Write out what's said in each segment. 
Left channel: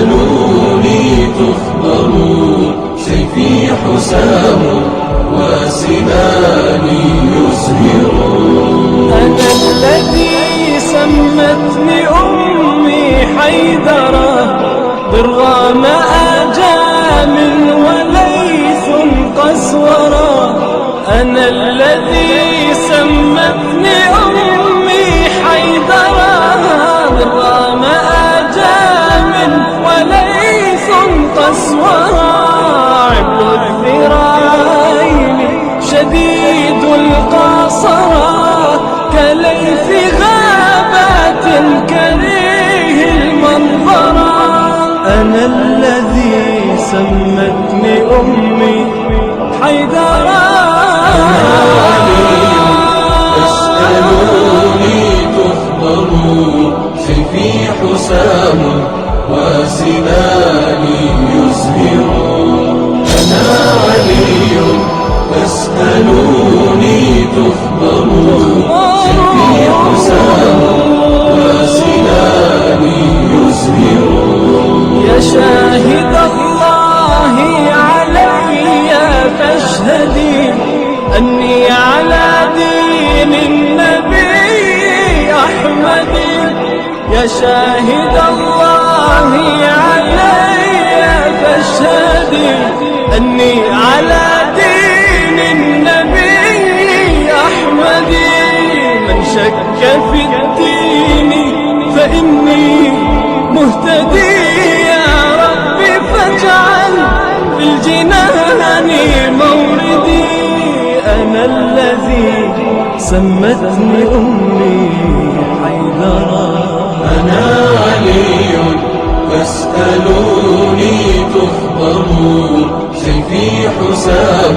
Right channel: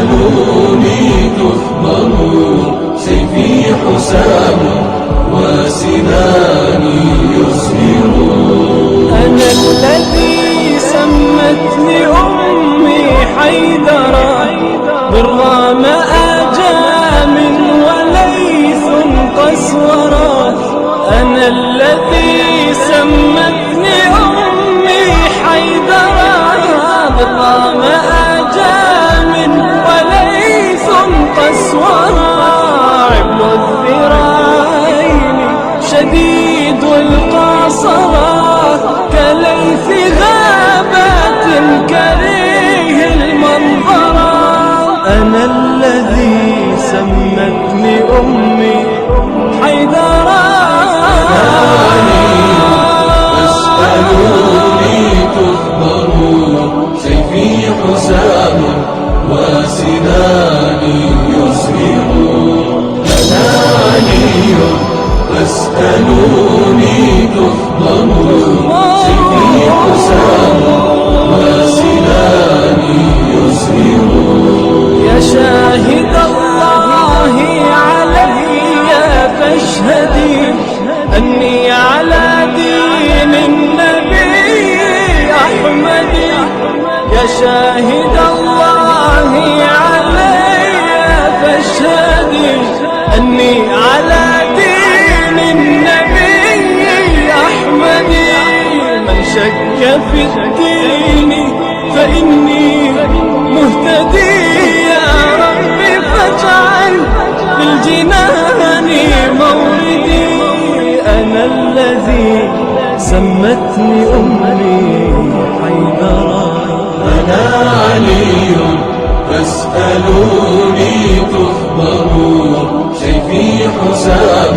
تسألوني تخبروا، سيفي حسام وسناني يزهر. أنا الذي سمتني أمي حيدرة، بالرام آجام وليث قسورة. أنا الذي سمتني أمي حيدرة، بالرام آجام وليث قسورة. عبل الذراعين شديد القاصرة، كليث غابات كريه المنظرة. أنا الذي سمتني أمي حيدرة. تسألوني تخبروا، سيفي حسام وسناني يزهر. أنا علي تسألوني تخبروا، سيفي حسام وسناني يزهر. يا شاهد الله علي فاشهدي أني على دين النبي أحمد. يا شاهد الله علي فاشهدي أني على دين النبي أحمد. من شك في الدين فإني مهتدي، يا رب فاجعل في الجنان موردي. أنا الذي سمتني أمي حيدرة. أنا علي تسألوني تخبروا، سيفي حسام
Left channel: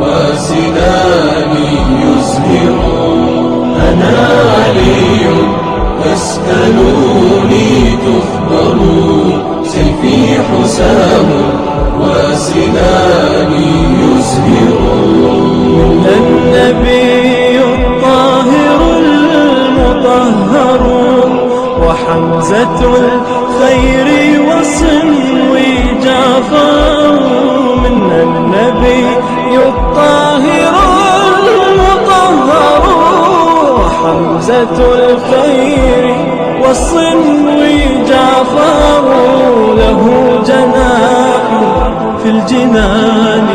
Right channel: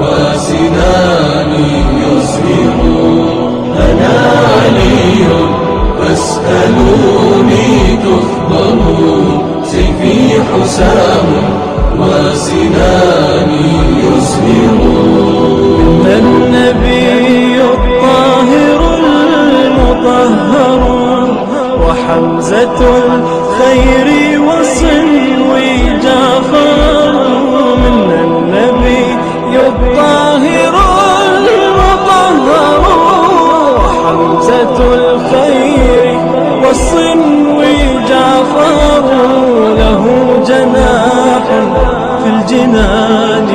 وسناني يزهر. أنا علي تسألوني تخبروا، سيفي حسام وسناني يزهر. من النبي الطاهر المطهر، وحمزة الخير وصنوي جعفر. من النبي الطاهر المطهر، وحمزة الخير والصنوي جعفر. له جناح في الجنان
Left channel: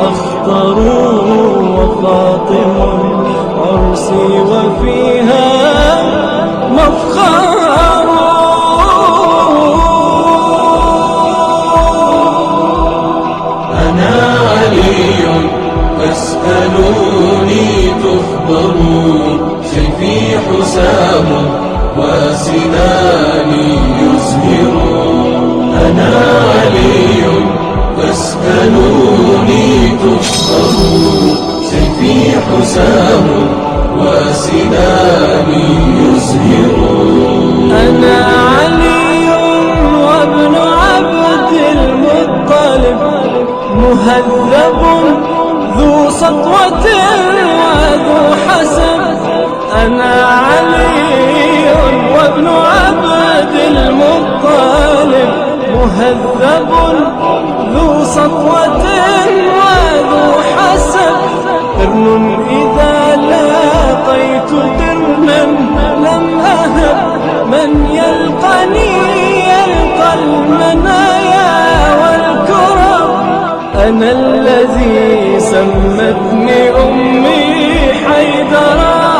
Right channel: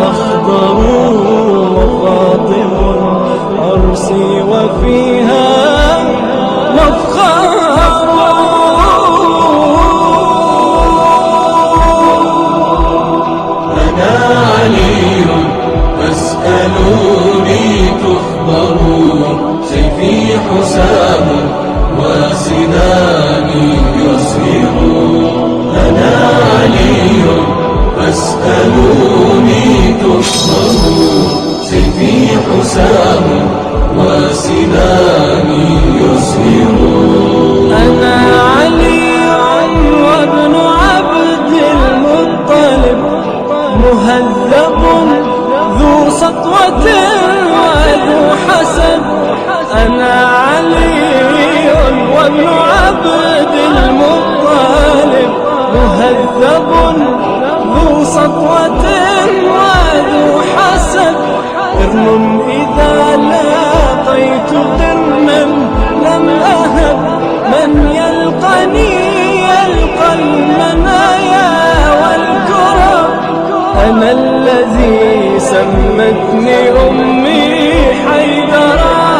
أخضر، وفاطم عرسي وفيها مفخر. أنا علي تسألوني تخبروا، سيفي حسام وسناني يزهر. أنا علي تسألوني تخبروا، سيفي حسام وسناني يزهر. أنا علي وابن عبد المطلب، مهذب ذو سطوة وذو حسب. أنا علي وابن عبد المطلب، مهذب ذو سطوة وذو حسب. قرن إذا لاقيت قرنا لم أهب، من يلقني يلقى المنايا والكرب. أنا الذي سمتني أمي حيدرة.